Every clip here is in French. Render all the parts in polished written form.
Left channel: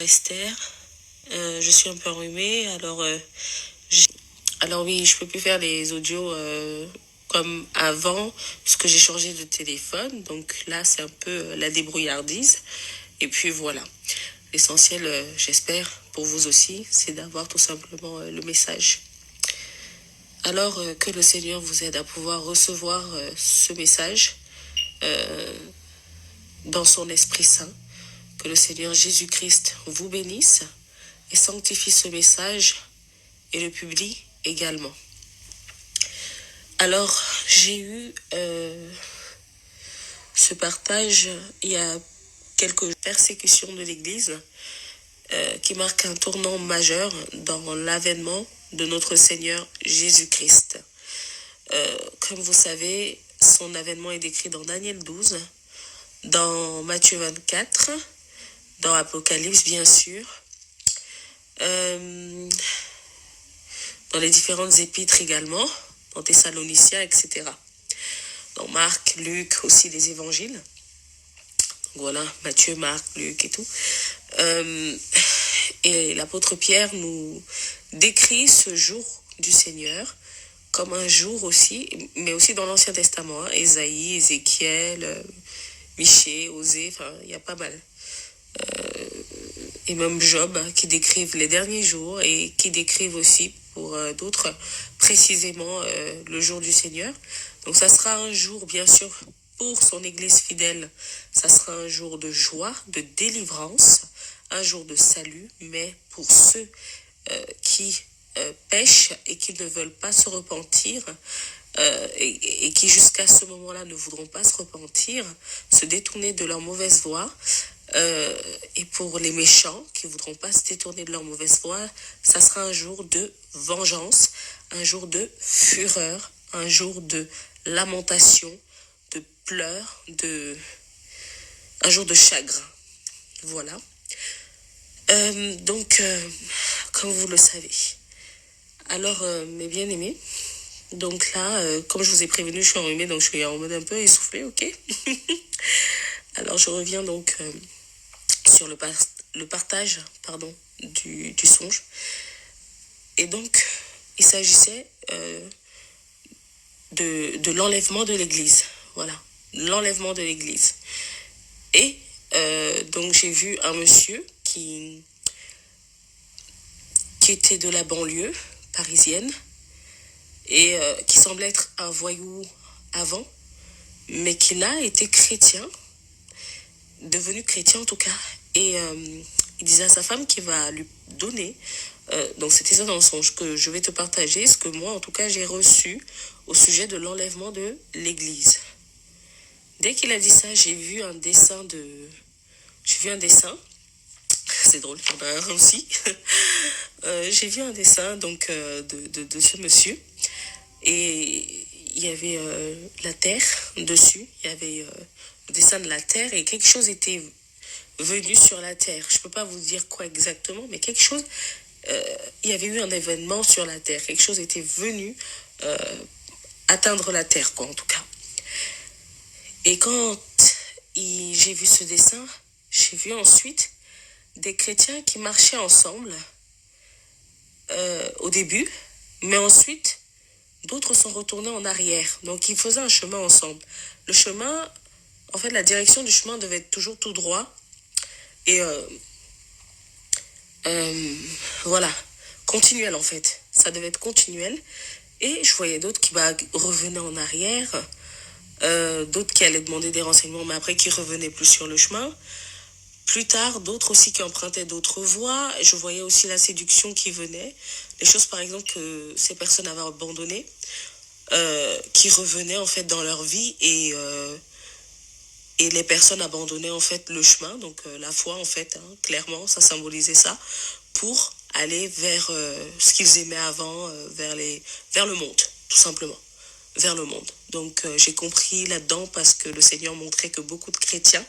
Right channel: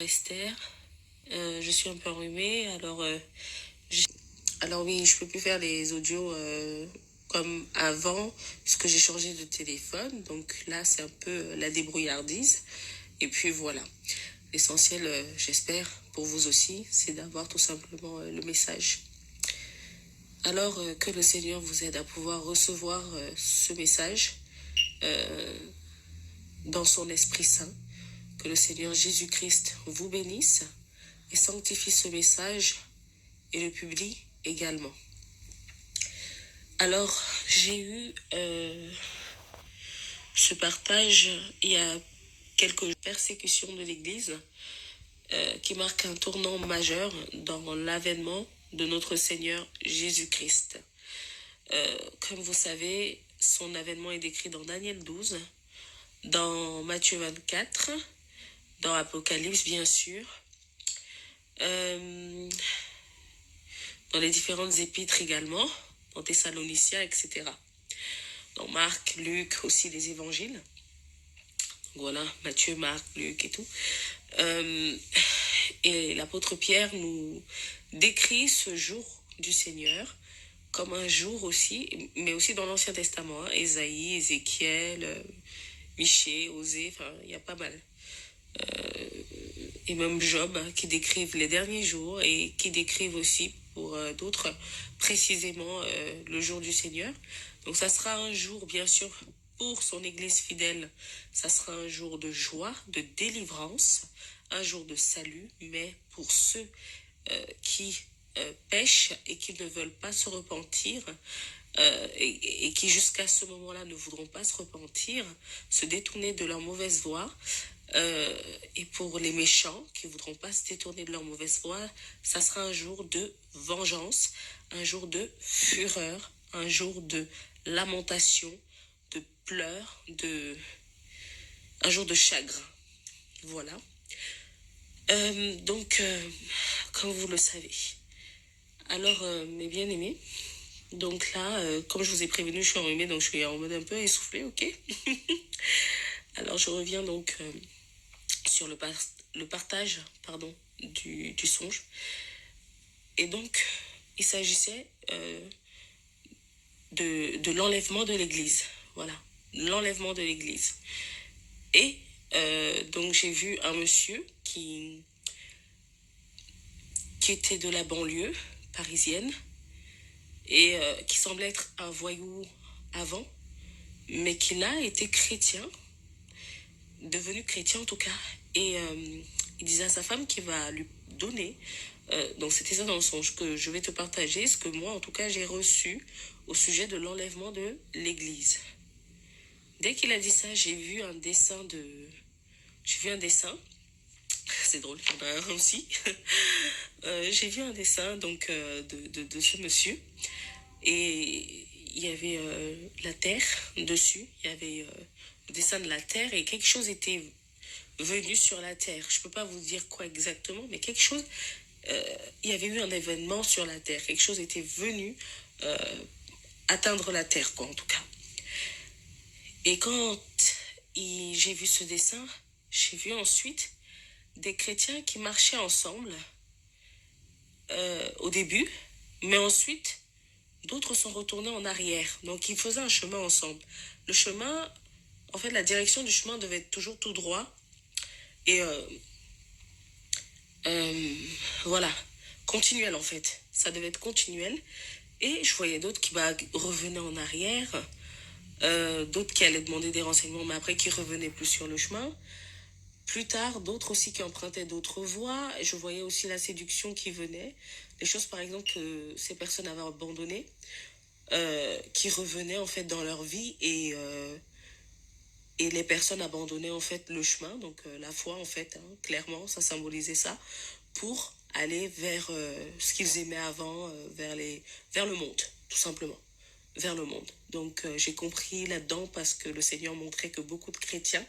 Esther, je suis un peu enrhumée, alors oui, je peux plus faire les audios comme avant, parce que j'ai changé de téléphone, donc là c'est un peu la débrouillardise, et puis voilà. L'essentiel, j'espère, pour vous aussi, c'est d'avoir tout simplement le message. Alors que le Seigneur vous aide à pouvoir recevoir ce message dans son Esprit Saint, que le Seigneur Jésus-Christ vous bénisse et sanctifie ce message et le publie également. Alors, j'ai eu ce partage il y a quelques persécutions de l'Église qui marquent un tournant majeur dans l'avènement de notre Seigneur Jésus-Christ. Comme vous savez, son avènement est décrit dans Daniel 12, dans Matthieu 24, dans Apocalypse bien sûr, dans les différentes épîtres également, dans Thessaloniciens, etc. Dans Marc, Luc, aussi les évangiles. Voilà, Matthieu, Marc, Luc et tout. Et l'apôtre Pierre nous décrit ce jour du Seigneur comme un jour aussi, mais aussi dans l'Ancien Testament, hein, Ésaïe, Ézéchiel, Michée, Osée, enfin, il y a pas mal. Et même Job, hein, qui décrivent les derniers jours et qui décrivent aussi pour d'autres précisément le jour du Seigneur. Donc ça sera un jour, bien sûr, pour son Église fidèle, ça sera un jour de joie, de délivrance, un jour de salut, mais pour ceux qui pêchent et qui ne veulent pas se repentir, et qui jusqu'à ce moment-là ne voudront pas se repentir, se détourner de leur mauvaise voie, et pour les méchants qui ne voudront pas se détourner de leur mauvaise voie, ça sera un jour de vengeance, un jour de fureur, un jour de lamentation, de pleurs, un jour de chagrin. Voilà. Donc, comme vous le savez. Alors, mes bien-aimés, donc là, comme je vous ai prévenu, je suis enrhumée, donc je suis en mode un peu essoufflée, ok. Alors, je reviens donc sur le partage du songe. Et donc, il s'agissait de l'enlèvement de l'Église. Voilà, l'enlèvement de l'Église. Et donc, j'ai vu un monsieur qui était de la banlieue parisienne et qui semblait être un voyou avant, mais qui là était chrétien, devenu chrétien en tout cas, et il disait à sa femme qu'il va lui donner, donc c'était ça dans le songe que je vais te partager, ce que moi en tout cas j'ai reçu au sujet de l'enlèvement de l'Église. Dès qu'il a dit ça, j'ai vu un dessin, c'est drôle, il y en a un aussi, j'ai vu un dessin donc de ce monsieur, et il y avait la terre dessus, il y avait le dessin de la terre, et quelque chose était venu sur la terre. Je ne peux pas vous dire quoi exactement, mais quelque chose, il y avait eu un événement sur la terre, quelque chose était venu atteindre la terre, quoi, en tout cas. Et quand j'ai vu ce dessin, j'ai vu ensuite des chrétiens qui marchaient ensemble au début, mais ensuite d'autres sont retournés en arrière. Donc ils faisaient un chemin ensemble. Le chemin, en fait, la direction du chemin devait être toujours tout droit. Et voilà, continuel en fait. Ça devait être continuel. Et je voyais d'autres qui revenaient en arrière, d'autres qui allaient demander des renseignements, mais après qui revenaient plus sur le chemin. Plus tard, d'autres aussi qui empruntaient d'autres voies. Je voyais aussi la séduction qui venait. Les choses, par exemple, que ces personnes avaient abandonnées, qui revenaient en fait dans leur vie, et les personnes abandonnaient en fait le chemin, donc la foi en fait, hein, clairement, ça symbolisait ça, pour aller vers ce qu'ils aimaient avant, vers le monde, tout simplement, vers le monde. Donc j'ai compris là-dedans parce que le Seigneur montrait que beaucoup de chrétiens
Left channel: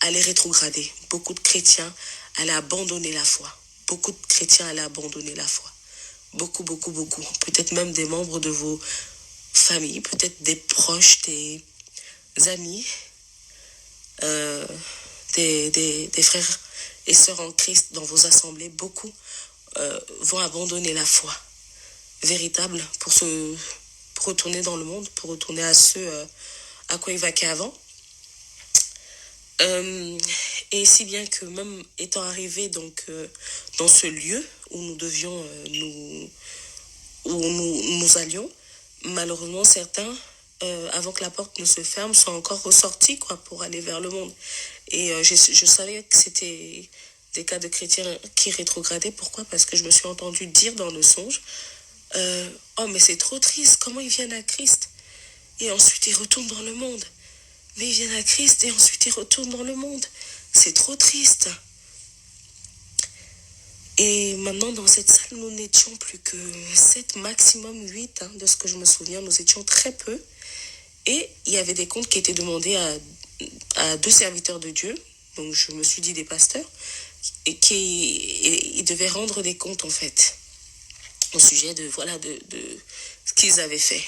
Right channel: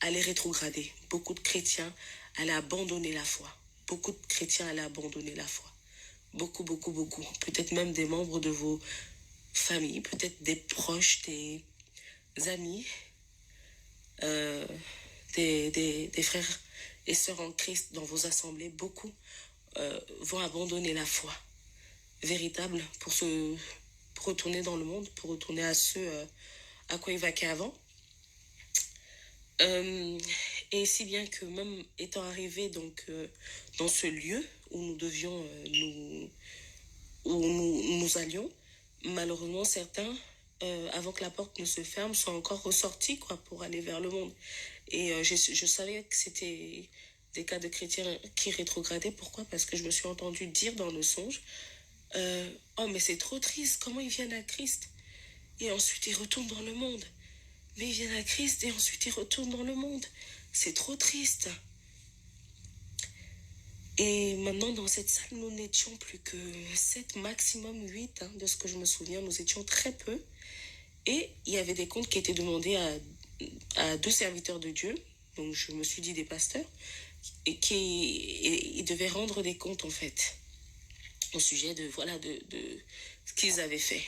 allaient rétrograder, beaucoup de chrétiens allaient abandonner la foi, beaucoup de chrétiens allaient abandonner la foi, beaucoup, beaucoup, beaucoup, peut-être même des membres de vos familles, peut-être des proches, des amis, des frères et sœurs en Christ dans vos assemblées, beaucoup vont abandonner la foi véritable pour retourner dans le monde, pour retourner à ce à quoi ils vaquaient avant. Et si bien que même étant arrivés donc dans ce lieu où nous devions nous allions, malheureusement certains avant que la porte ne se ferme sont encore ressortis quoi pour aller vers le monde. Et je savais que c'était des cas de chrétiens qui rétrogradaient. Pourquoi? Parce que je me suis entendu dire dans le songe oh mais c'est trop triste, comment ils viennent à Christ et ensuite ils retournent dans le monde. Mais ils viennent à Christ et ensuite ils retournent dans le monde. C'est trop triste. Et maintenant, dans cette salle, nous n'étions plus que 7, maximum 8, de ce que je me souviens. Nous étions très peu. Et il y avait des comptes qui étaient demandés à 2 serviteurs de Dieu. Donc, je me suis dit des pasteurs. Et ils devaient rendre des comptes, en fait, au sujet de ce qu'ils avaient fait.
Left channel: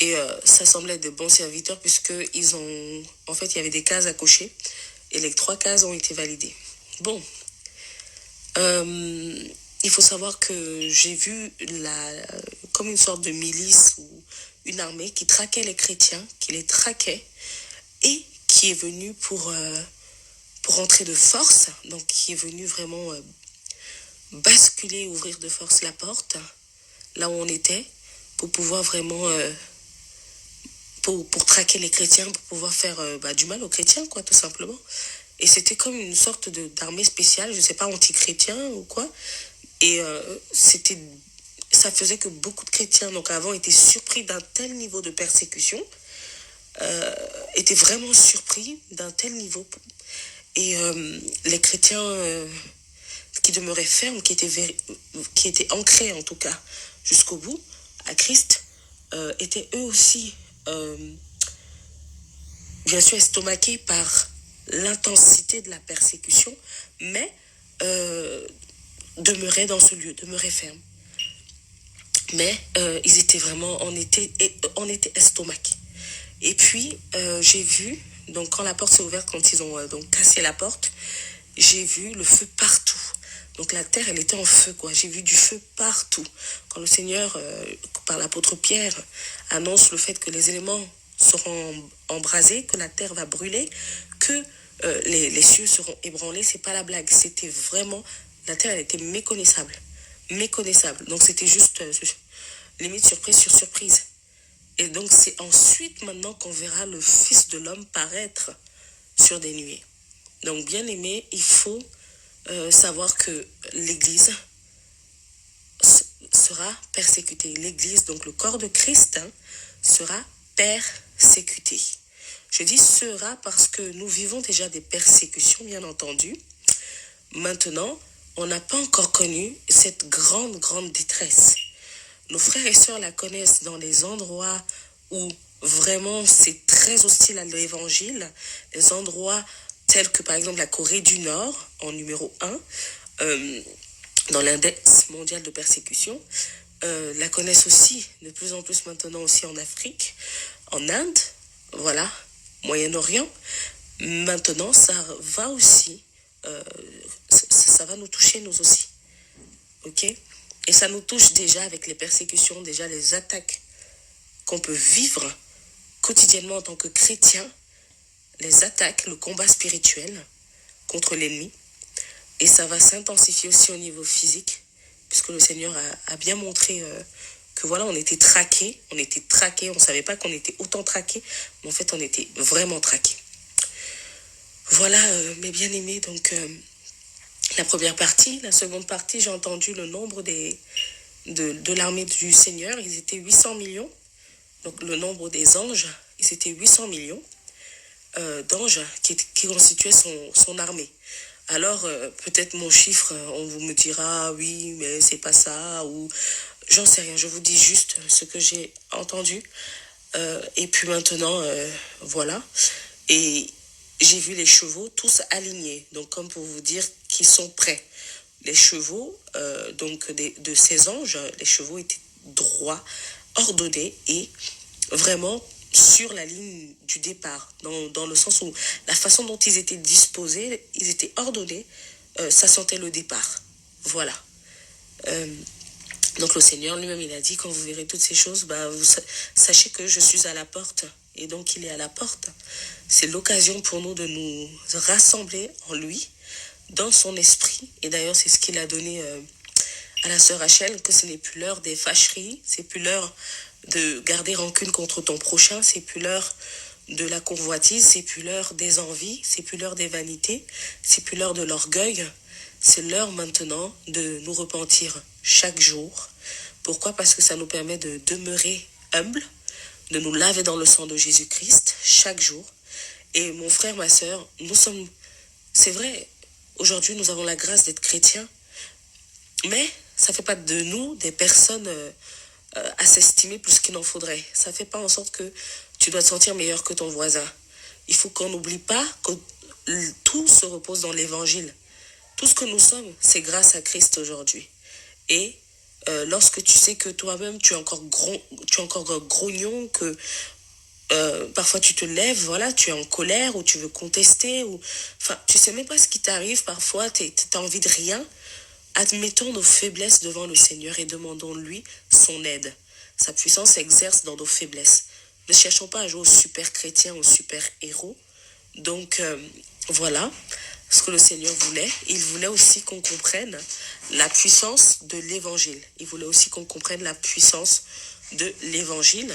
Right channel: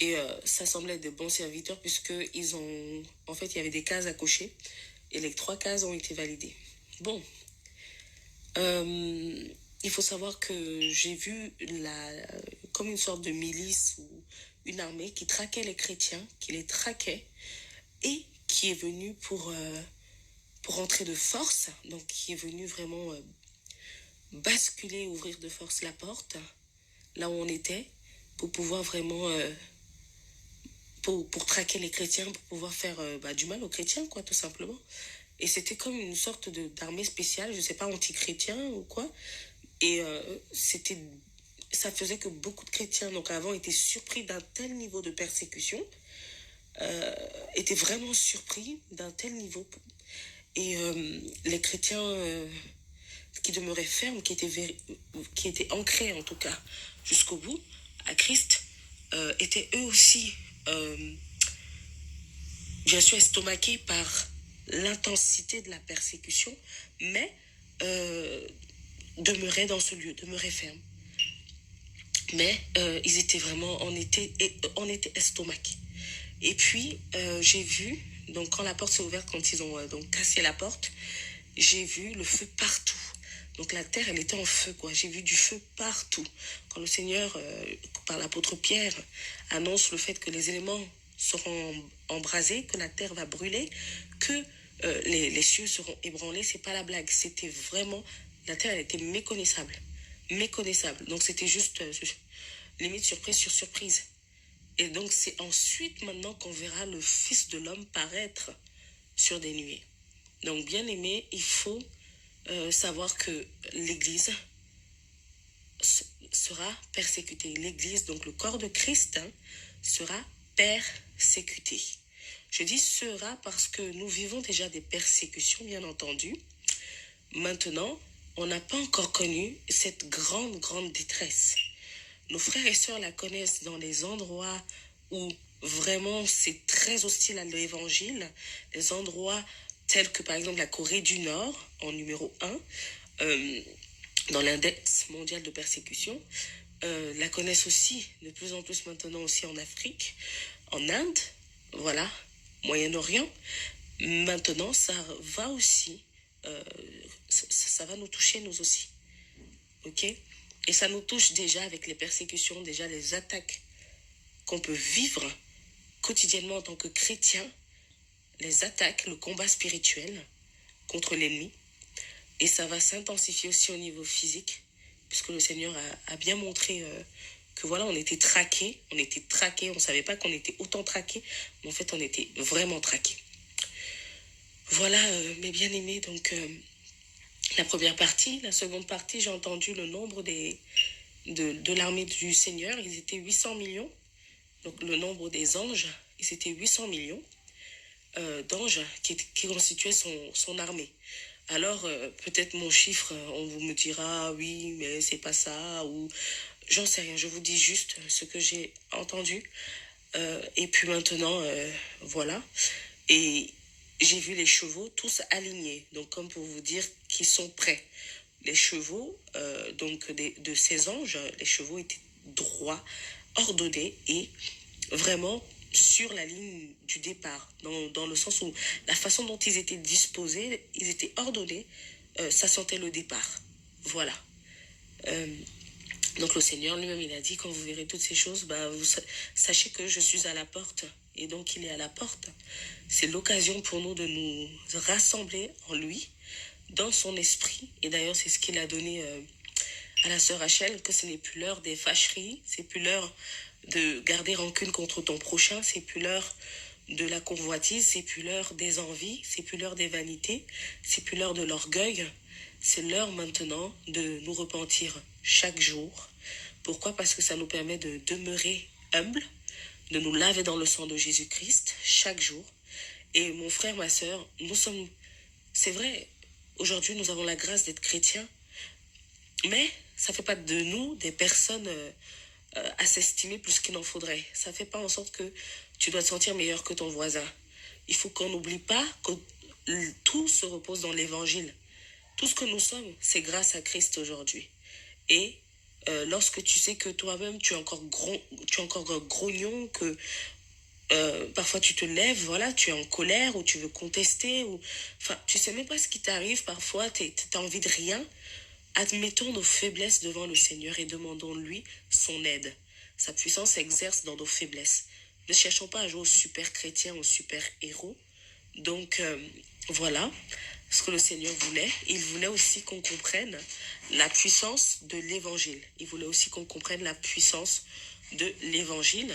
Et ça semblait être de bons serviteurs puisqu'ils ont... En fait, il y avait des cases à cocher et les 3 cases ont été validées. Bon, il faut savoir que j'ai vu comme une sorte de milice ou une armée qui traquait les chrétiens, qui les traquait et qui est venue pour entrer de force, donc qui est venue vraiment basculer, ouvrir de force la porte, là où on était, pour pouvoir vraiment... pour traquer les chrétiens, pour pouvoir faire du mal aux chrétiens, quoi, tout simplement. Et c'était comme une sorte d'armée spéciale, je sais pas, anti-chrétien ou quoi. Et ça faisait que beaucoup de chrétiens, donc avant, étaient surpris d'un tel niveau de persécution, étaient vraiment surpris d'un tel niveau. Et les chrétiens qui demeuraient fermes, qui étaient ancrés en tout cas jusqu'au bout, à Christ, étaient eux aussi... bien sûr estomaqués par l'intensité de la persécution, mais demeuraient dans ce lieu, demeuraient fermes. Mais ils étaient vraiment, on était estomaqués. Et puis, j'ai vu, donc quand la porte s'est ouverte, quand ils ont donc cassé la porte, j'ai vu le feu partout. Donc la terre, elle était en feu, quoi. J'ai vu du feu partout. Quand le Seigneur, par l'apôtre Pierre, annonce le fait que les éléments seront embrasés, que la terre va brûler, que les cieux seront ébranlés, c'est pas la blague. C'était vraiment, la terre, elle était méconnaissable. Méconnaissable. Donc c'était juste, limite surprise sur surprise. Et donc c'est ensuite maintenant qu'on verra le Fils de l'homme paraître sur des nuées. Donc bien aimé, il faut savoir que l'Église sera persécutée. L'Église, donc le corps de Christ, sera persécuté. Je dis sera parce que nous vivons déjà des persécutions, bien entendu. Maintenant, on n'a pas encore connu cette grande, grande détresse. Nos frères et sœurs la connaissent dans les endroits où vraiment c'est très hostile à l'évangile, les endroits tels que par exemple la Corée du Nord, en numéro 1, dans l'index mondial de persécution, la connaissent aussi de plus en plus maintenant aussi en Afrique, en Inde, voilà, Moyen-Orient. Maintenant, ça va aussi, ça va nous toucher nous aussi, ok? Et ça nous touche déjà avec les persécutions, déjà les attaques qu'on peut vivre quotidiennement en tant que chrétien, les attaques, le combat spirituel contre l'ennemi. Et ça va s'intensifier aussi au niveau physique, puisque le Seigneur a bien montré que voilà, on était traqués, on ne savait pas qu'on était autant traqués, mais en fait on était vraiment traqués. Voilà mes bien-aimés, donc la première partie. La seconde partie, j'ai entendu le nombre de l'armée du Seigneur, ils étaient 800 millions, donc le nombre des anges, ils étaient 800 millions d'anges qui constituaient son armée. Alors, peut-être mon chiffre, on vous me dira, oui, mais c'est pas ça, ou j'en sais rien, je vous dis juste ce que j'ai entendu. Et puis maintenant, voilà. Et j'ai vu les chevaux tous alignés, donc comme pour vous dire qu'ils sont prêts. Les chevaux, donc de ces anges, les chevaux étaient droits, ordonnés et vraiment sur la ligne du départ, dans le sens où la façon dont ils étaient disposés, ils étaient ordonnés, ça sentait le départ. Voilà. Euh, donc le Seigneur lui-même, il a dit, quand vous verrez toutes ces choses, sachez que je suis à la porte. Et donc il est à la porte. C'est l'occasion pour nous de nous rassembler en lui, dans son esprit. Et d'ailleurs, c'est ce qu'il a donné à la sœur Rachel, que ce n'est plus l'heure des fâcheries, c'est plus l'heure de garder rancune contre ton prochain, c'est plus l'heure de la convoitise, c'est plus l'heure des envies, c'est plus l'heure des vanités, c'est plus l'heure de l'orgueil. C'est l'heure maintenant de nous repentir chaque jour. Pourquoi? Parce que ça nous permet de demeurer humbles, de nous laver dans le sang de Jésus-Christ chaque jour. Et mon frère, ma sœur, c'est vrai, aujourd'hui nous avons la grâce d'être chrétiens, mais ça ne fait pas de nous des personnes à s'estimer plus qu'il n'en faudrait. Ça ne fait pas en sorte que tu dois te sentir meilleur que ton voisin. Il faut qu'on n'oublie pas que tout se repose dans l'évangile. Tout ce que nous sommes, c'est grâce à Christ aujourd'hui. Et lorsque tu sais que toi-même, tu es encore grognon, que parfois tu te lèves, voilà, tu es en colère ou tu veux contester, ou enfin, tu sais même pas ce qui t'arrive, parfois tu as envie de rien. Admettons nos faiblesses devant le Seigneur et demandons-lui son aide. Sa puissance s'exerce dans nos faiblesses. Ne cherchons pas à jouer au super chrétien, au super héros. Donc, voilà ce que le Seigneur voulait. Il voulait aussi qu'on comprenne la puissance de l'évangile. Il voulait aussi qu'on comprenne la puissance de l'évangile.